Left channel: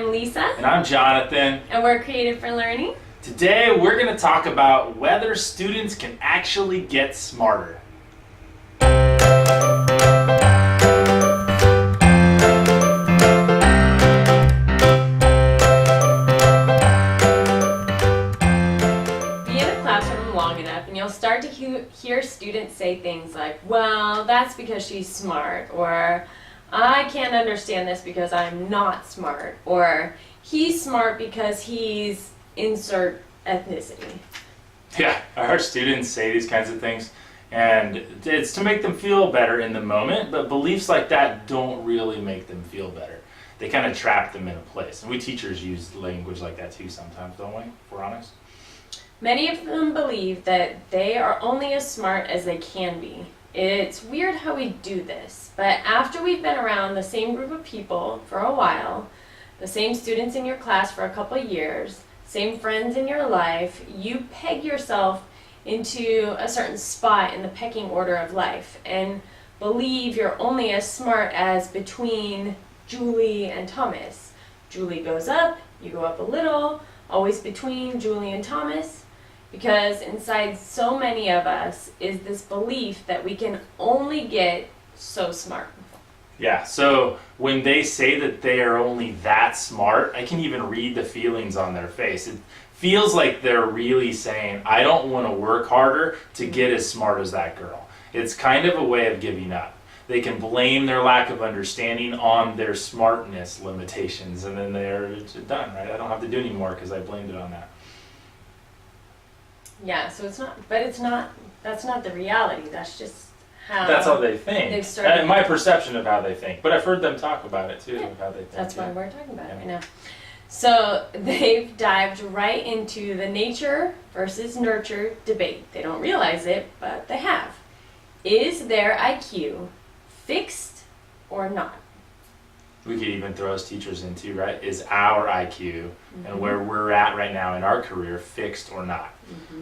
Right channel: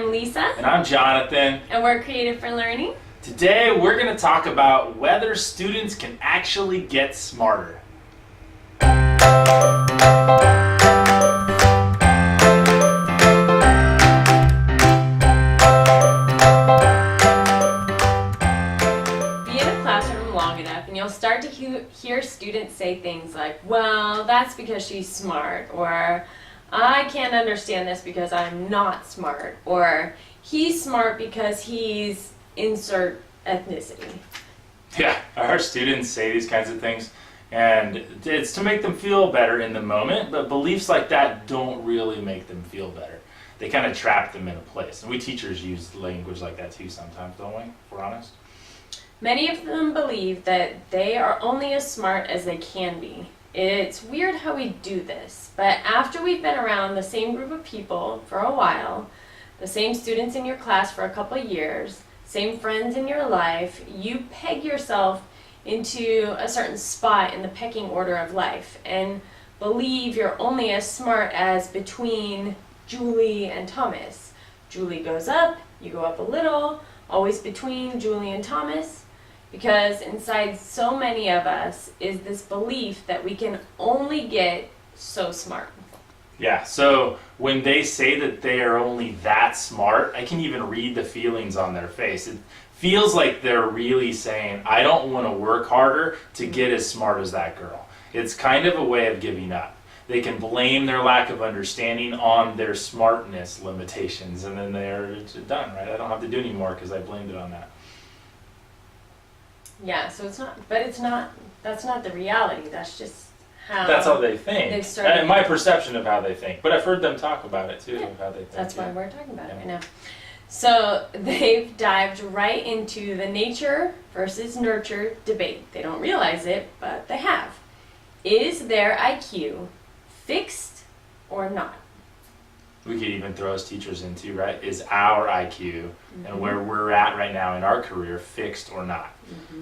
I'm Lisa. And I'm Jonathan. And we're Creative for Learning. Today we're going to talk about whether students can actually get smarter. Be in a classroom long enough and you'll start to hear students say things like, well, that's because she's smart, or I can't understand this because I'm not smart, or he's smart because he's insert ethnicity. Yeah, our students say these kinds of things, and it's to make them feel better in the moment, but beliefs like that don't really make them feel better. They kind of trap them in a place. And we teachers use language like that too sometimes, don't we, if we're honest? Many of them believe that they are only as smart as they can be. It's weird how we do this, but after we've been around the same group of people for a while, the same students in your class for a couple of years, same friends in your life, you peg yourself into a certain spot in the pecking order of life and believe you're only as smart as between Julie and Thomas. Julie goes up, you go up a little, always between Julie and Thomas, because inside so many of us is this belief that we can only get so smart. Yeah, so when they say that they are only that smart, I can even read the feelings on their face. It feels like they're really saying, I don't want to work harder to get as smart as that girl. It's kind of a way of giving up. They can blame their lack of understanding on their smartness limitations, and then they're done, right? I don't have to do anymore because I blamed it on that. Yeah, so it's not, but it's not, that's not the reality. That's just that's how they think. They've started, and my perception of how they think. But I've heard them talk about it too, of how they think. That's why we're talking about it right now. So they've dived right into the nature versus nurture debate. They don't realize it, but they have. Is their IQ fixed or not? We could even throw as teachers into, right? Is our IQ and where we're at right now in our career fixed or not?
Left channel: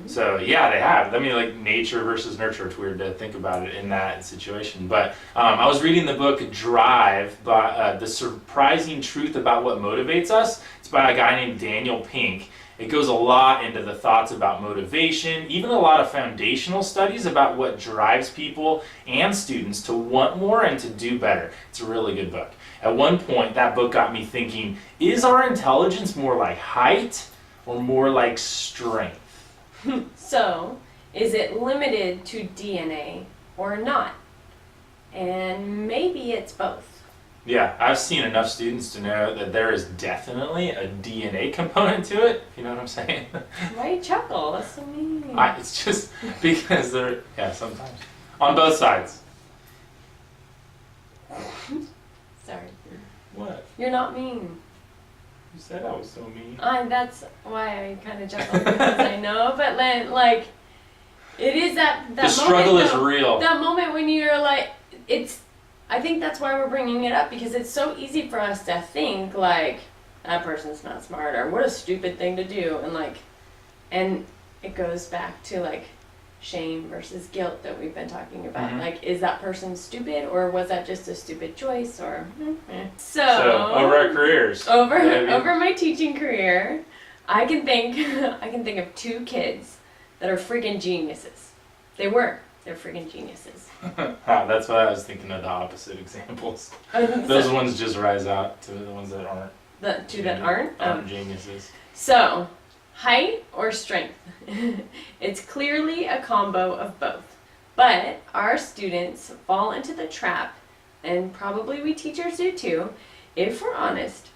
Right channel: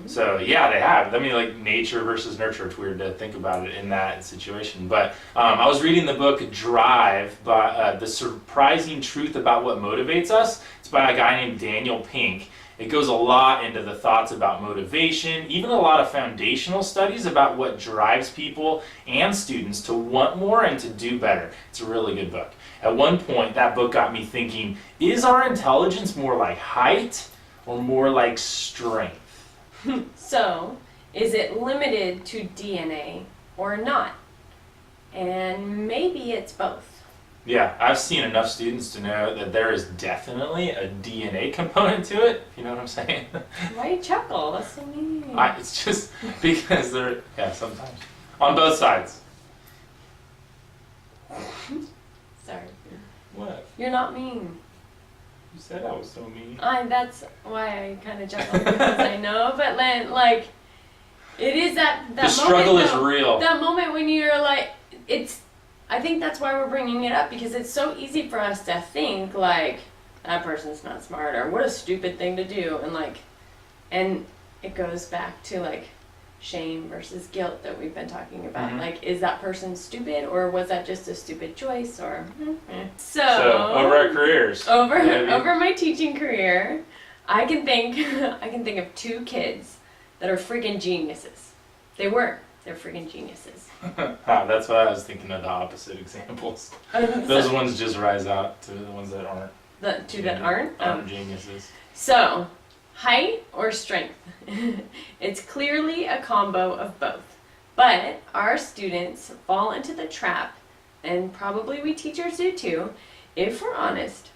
So yeah, they have. I mean, like nature versus nurture. It's weird to think about it in that situation. But I was reading the book Drive, by The Surprising Truth About What Motivates Us. It's by a guy named Daniel Pink. It goes a lot into the thoughts about motivation, even a lot of foundational studies about what drives people and students to want more and to do better. It's a really good book. At one point, that book got me thinking, is our intelligence more like height or more like strength? So, is it limited to DNA or not? And maybe it's both. Yeah, I've seen enough students to know that there is definitely a DNA component to it, if you know what I'm saying. Why you chuckle? That's so mean. It's just because they're, yeah, sometimes. On both sides. Sorry. What? You're not mean. You said I was so mean. That's why I kind of chuckle, because I know, but then, like, it is that the struggle moment, is real. That moment when you're like, I think that's why we're bringing it up, because it's so easy for us to think, like, that person's not smart, or what a stupid thing to do, and it goes back to, like, shame versus guilt that we've been talking about. Like, is that person stupid, or was that just a stupid choice, or So over our careers. Over my teaching career, I can think of two kids that are freaking geniuses. They're freaking geniuses. That's why I was thinking of the opposite examples. Those ones just rise out to the ones that aren't. The two that aren't geniuses. So, height or strength? It's clearly a combo of both. But our students fall into the trap, and probably we teachers do too, if we're honest,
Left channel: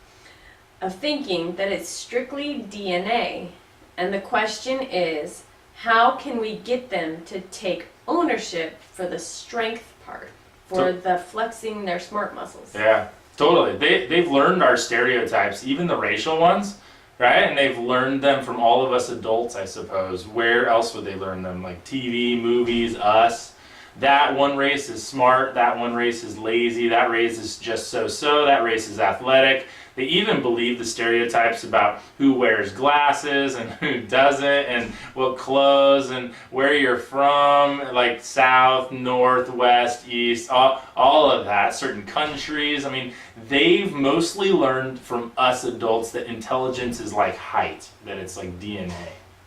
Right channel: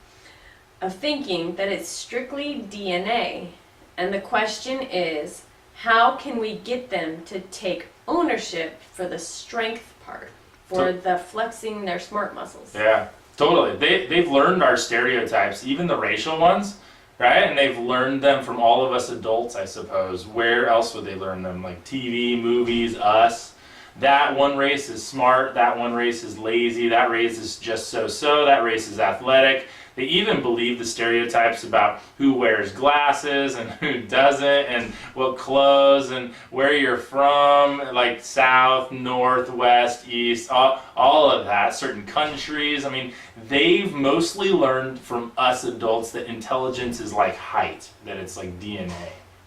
of thinking that it's strictly DNA. And the question is, how can we get them to take ownership for the strength part, for the flexing their smart muscles? Yeah, totally. They've learned our stereotypes, even the racial ones, right? And they've learned them from all of us adults, I suppose. Where else would they learn them? Like TV, movies, us. that one race is smart, that one race is lazy, that race is just so-so, that race is athletic. They even believe the stereotypes about who wears glasses and who doesn't, and what clothes and where you're from, like south, north, west, east, all of that, certain countries. I mean, they've mostly learned from us adults that intelligence is like height, that it's like DNA,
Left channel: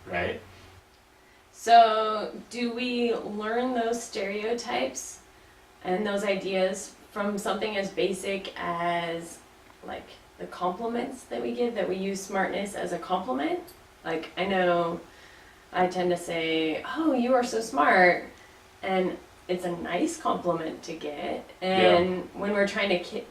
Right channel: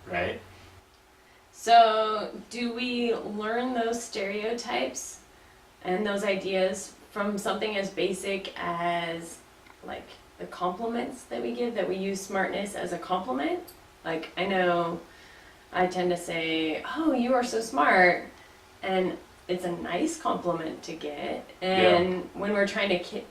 right? So, do we learn those stereotypes and those ideas from something as basic as, like, the compliments that we give, that we use smartness as a compliment? Like, I know I tend to say, oh, you are so smart, and it's a nice compliment to get. And when we're trying to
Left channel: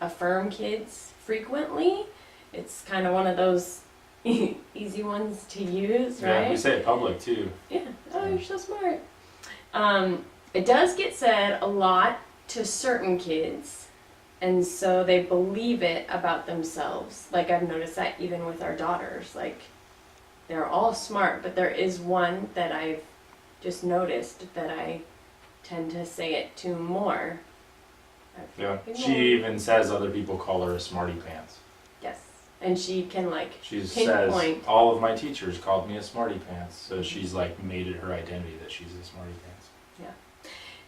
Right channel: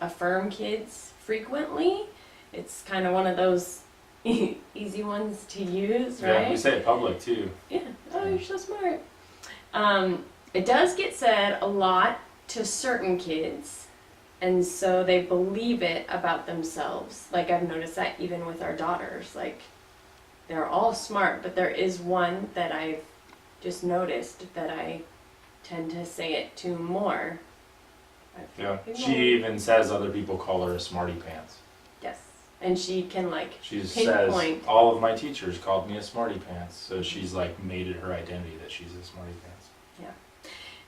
affirm kids frequently, it's kind of one of those easy ones to use, right? Yeah, we say it public too. Yeah, oh, you're so smart. It does get said a lot to certain kids, and so they believe it about themselves. Like, I've noticed that even with our daughters. Like, they're all smart, but there is one that I've just noticed that I tend to say it to more. Yeah, she even says other people call her a smarty pants. Yes, and she can She pinpoint. says all of my teachers called me a smarty pants, so she's like made it her identity that she's a smarty pants. Yeah.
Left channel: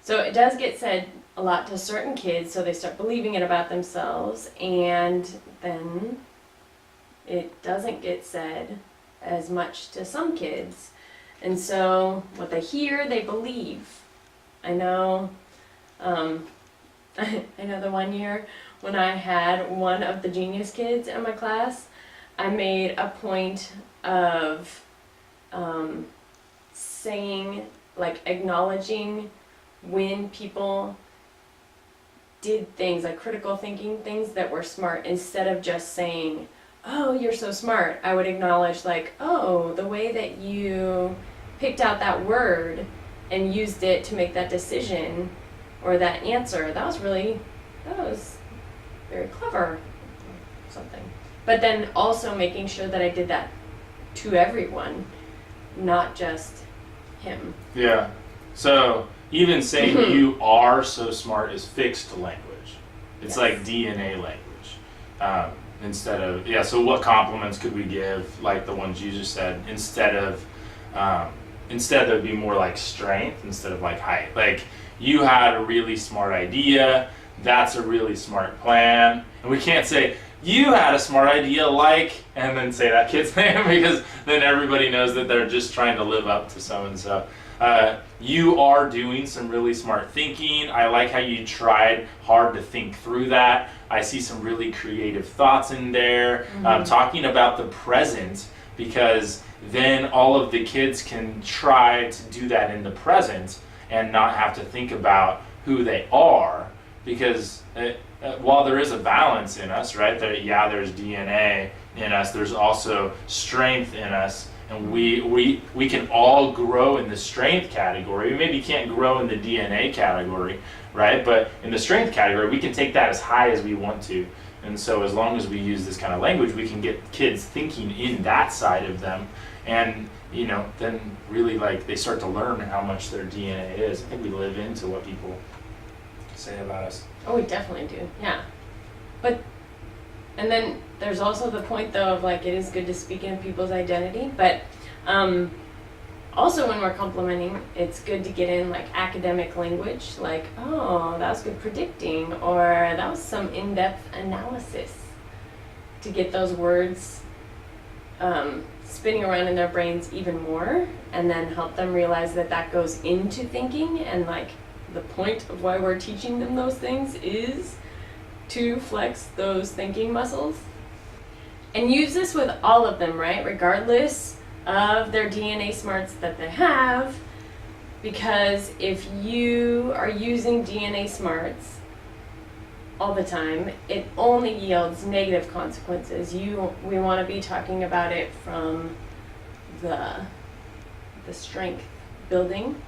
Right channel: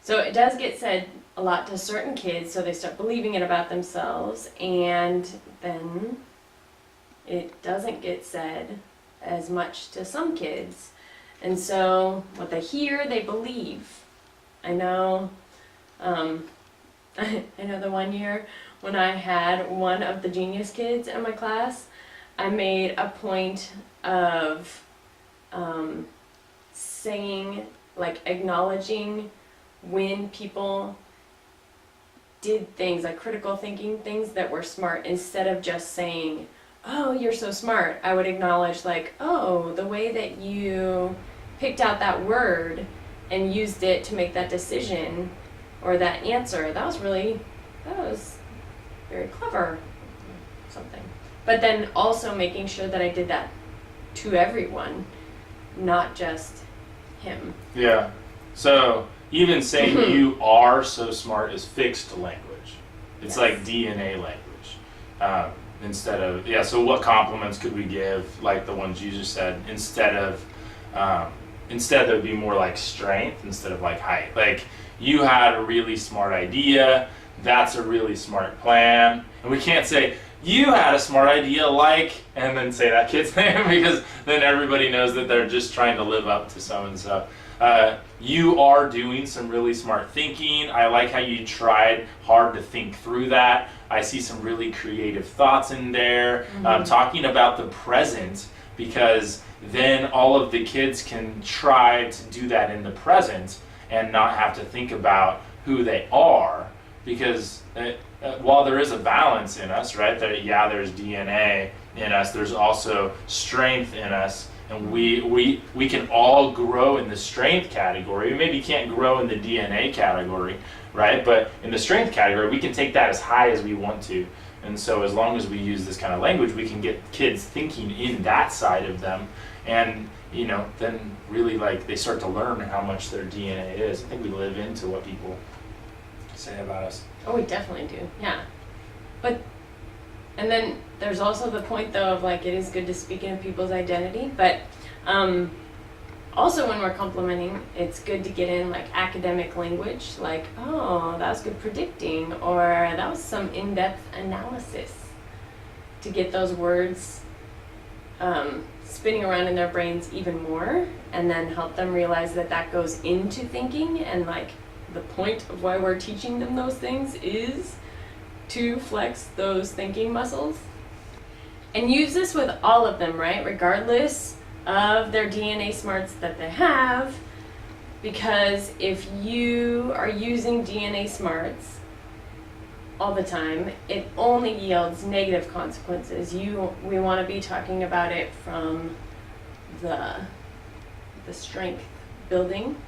So it does get said a lot to certain kids, so they start believing it about themselves, and then it doesn't get said as much to some kids. And so what they hear, they believe. I know, I know the one year when I had one of the genius kids in my class, I made a point of saying, like, acknowledging when people did things, like critical thinking things that were smart, instead of just saying, oh, you're so smart. I would acknowledge, like, oh, the way that you picked out that word and used it to make that decision or that answer, that was very clever, or something. But then also making sure that I did that to everyone, not just him. Yeah. So even saying you are so smart is fixed language. It's like DNA language. Instead of, so what compliments could we give, like the ones you just said, instead there would be more like strength instead of like height. Like, you had a really smart idea, that's a really smart plan. And we can't say, you had a smart idea, like, and then say that kid's name, because then everybody knows that they're just trying to live up to so and so. You are doing some really smart thinking. I like how you tried hard to think through that. I see some really creative thoughts in there. Talking about the present, because then all of the kids can try to do that in the present and not have to think about who they are, because while there is a balance in us, right, there's DNA in us, there's also strength in us, and we can all grow in the strength category. We maybe can't grow in the DNA category, right, but in the strength category we can take that as high as we want to. And so as long as we use this kind of language, we can get kids thinking in that side of them, and then really, like, they start to learn how much their DNA is. I think we live into what people say about us. Oh, we definitely do, yeah. And then there's also the point, though, of, like, it is good to speak in people's identity, but also when we're complimenting, it's good to get in, like, academic language, like, oh, that was good predicting, or that was some in-depth analysis, to get those words spinning around in their brains even more, and then help them realize that that goes into thinking, and, like, the point of why we're teaching them those things is to flex those thinking muscles. And use this with all of them, right? Regardless of their DNA smarts that they have, because if you are using DNA smarts all the time, it only yields negative consequences. We want to be talking about it from the strength building.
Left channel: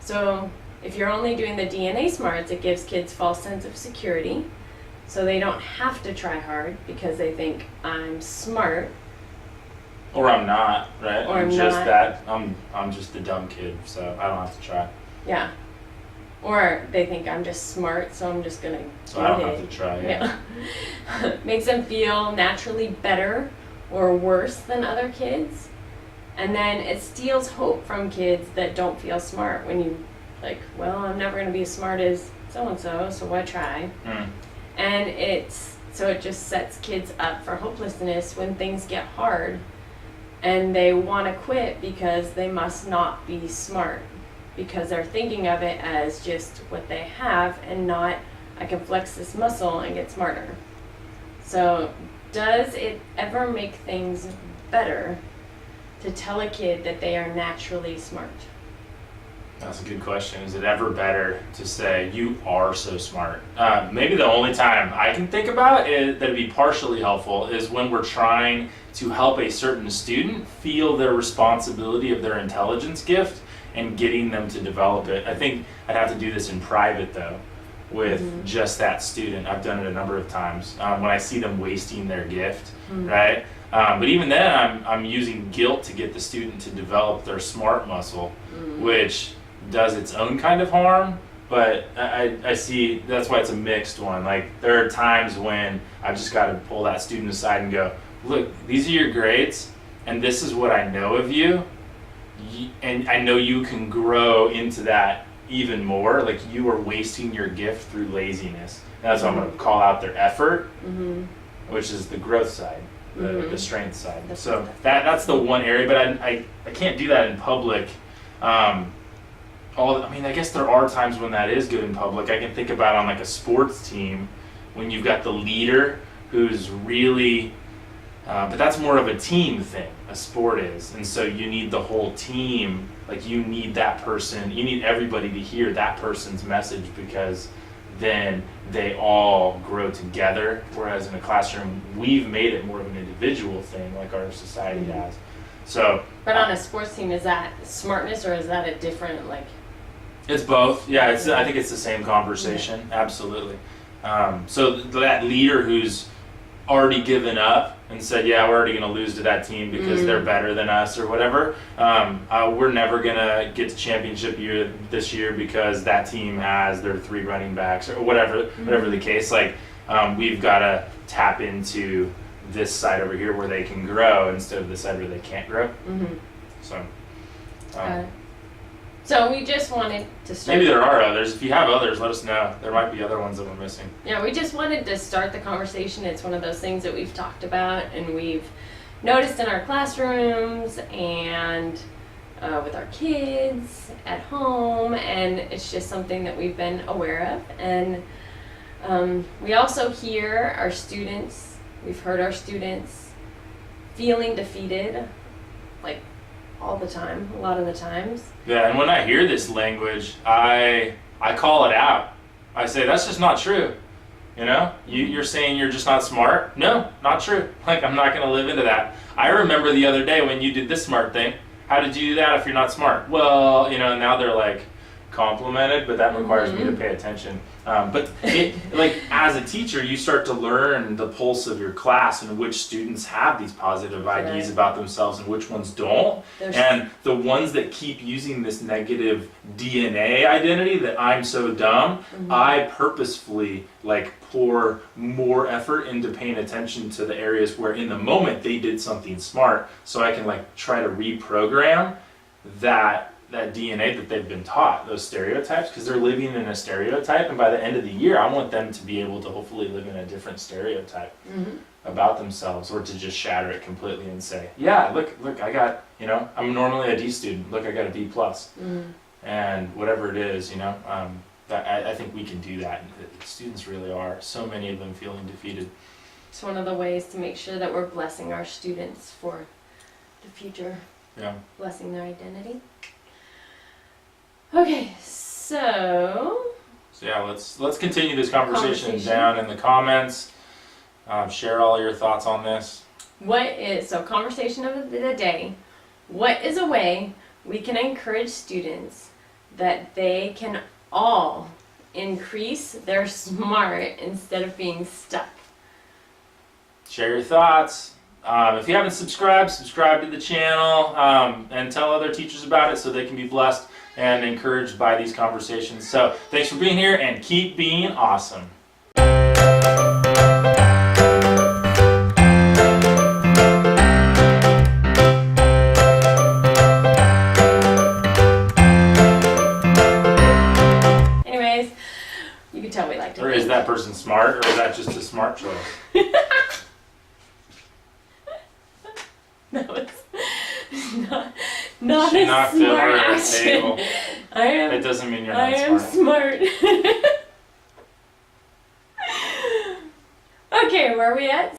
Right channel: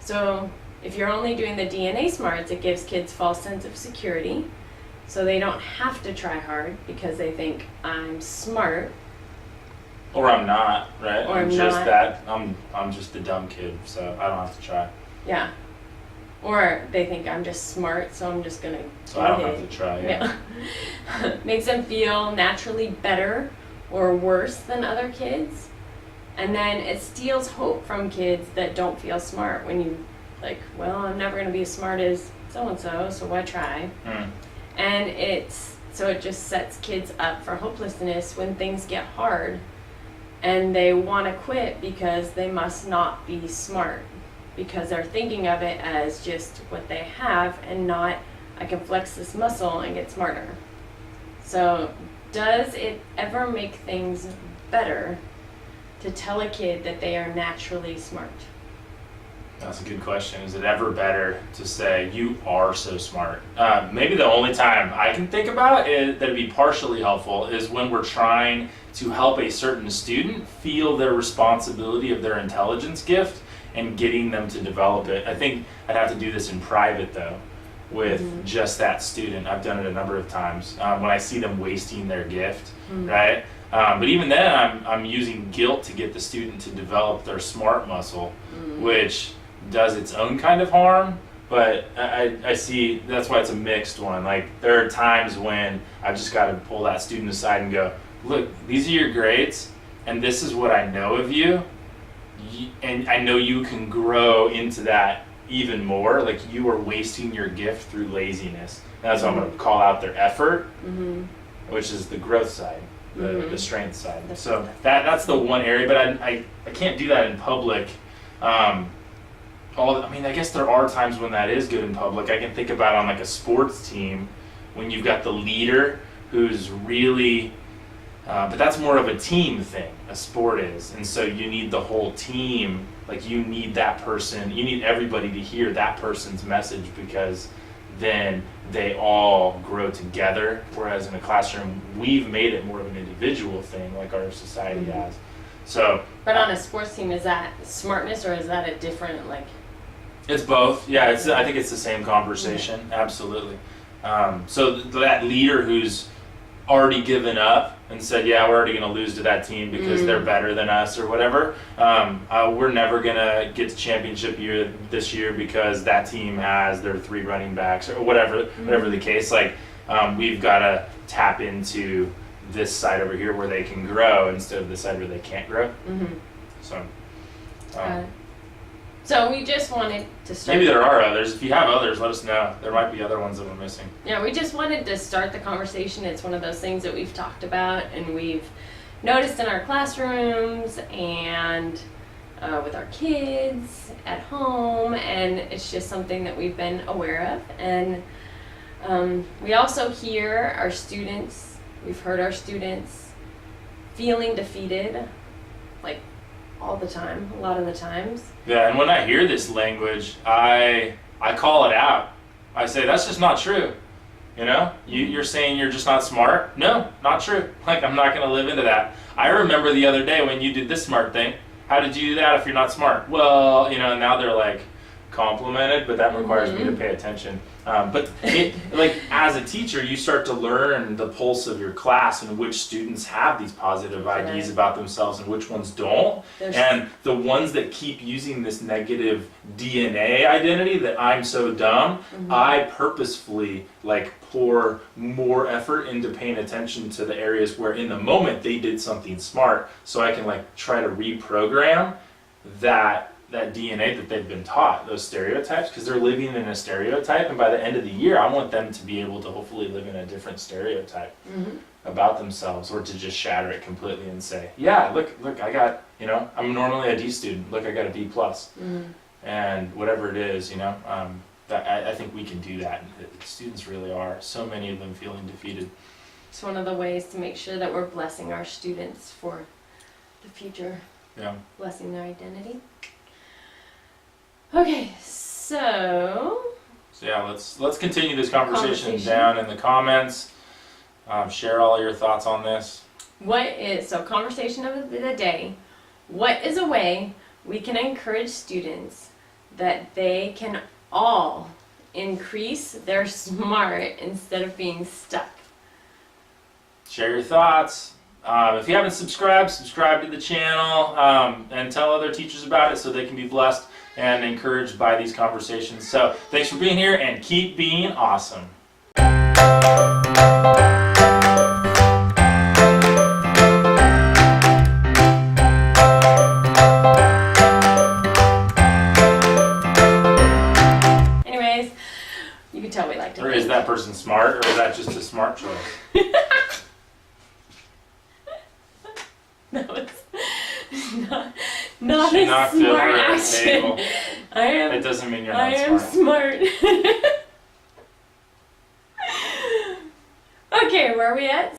So if you're only doing the DNA smarts, it gives kids false sense of security. So they don't have to try hard because they think, I'm smart. Or I'm not, right? Or I'm just not. that I'm just the dumb kid, so I don't have to try. Yeah. Or they think I'm just smart, so I'm just gonna So I don't get have it. to try. Yeah. Makes them feel naturally better or worse than other kids. And then it steals hope from kids that don't feel smart when you like, well, I'm never gonna be as smart as so and so, so why try? And so it just sets kids up for hopelessness when things get hard and they want to quit because they must not be smart, because they're thinking of it as just what they have and not, I can flex this muscle and get smarter. So does it ever make things better to tell a kid that they are naturally smart? That's a good question. Is it ever better to say you are so smart? Maybe the only time I can think about it that'd be partially helpful is when we're trying to help a certain student feel their responsibility of their intelligence gift and getting them to develop it. I think I'd have to do this in private though, with just that student. I've done it a number of times when I see them wasting their gift, right? But even then, I'm using guilt to get the student to develop their smart muscle, which does its own kind of harm. But I see that's why it's a mixed one. Like there are times when I've just got to pull that student aside and go, look, these are your grades, and this is what I know of you, and I know you can grow into that even more. Like you are wasting your gift through laziness. And that's why I'm going to call out their effort, which is the growth side. The strength side. So that's the one area, but I can't do that in public. I guess there are times when that is good in public. I can think about on like a sports team when you've got the leader who's really, but that's more of a team thing, a sport is. And so you need the whole team, like you need that person, you need everybody to hear that person's message because then they all grow together. Whereas in a classroom, we've made it more of an individual thing like our society has. So. But on a sports team, is that smartness or is that a different like? It's both. Yeah, I think it's the same conversation. Absolutely. So that leader who's already given up and said, yeah, we're already going to lose to that team because they're better than us or whatever. We're never going to get to championship year this year because that team has their 3 running backs or whatever the case. Like we've got to tap into this side over here where they can grow instead of the side where they can't grow. So we just wanted to start. Maybe there are others. If you have others, let us know. There might be other ones that we're missing. Yeah, we just wanted to start the conversation. It's one of those things that we've talked about and we've noticed in our classrooms and with our kids at home, and it's just something that we've been aware of. And we also hear our students, we've heard our students feeling defeated, like all the time, a lot of the times. Yeah, and when I hear this language, I call it out. I say, that's just not true. You know, you're saying you're just not smart? No, not true. Like, I'm not going to live into that. I remember the other day when you did this smart thing. How did you do that if you're not smart? Well, you know, now they're like complimented, but that requires me to pay attention. But like as a teacher, you start to learn the pulse of your class and which students have these positive ideas about themselves and which ones don't. And the ones that keep using this negative DNA identity that I'm so dumb, I purposefully like pour more effort into paying attention to the areas where in the moment they did something smart, so I can like try to reprogram that DNA that they've been taught, those stereotypes, because they're living in a stereotype, and by the end of the year I want them to be able to hopefully live in a different stereotype about themselves, or to just shatter it completely and say, yeah, look, I got, you know, I'm normally a D student, look, I got a D plus, and whatever it is, you know, that I think we can do that. Students really are, so many of them feeling defeated. It's one of the ways to make sure that we're blessing our students for the future. Yeah. Blessing their identity. Okay, so yeah, let's continue this conversation down in the comments. Share all your thoughts on this. Conversation of the day. What is a way we can encourage students that they can all increase their smart instead of being stuck? Share your thoughts. If you haven't subscribed to the channel, and tell other teachers about it so they can be blessed and encouraged by these conversations. So thanks for being here, and keep being awesome. Anyways, you can tell we like to Or is that person smart, or is that just a smart choice? No, it's not She a knocked smart over a action. table. I am. It doesn't mean you're I not am smart. smart. Okay, where are we at?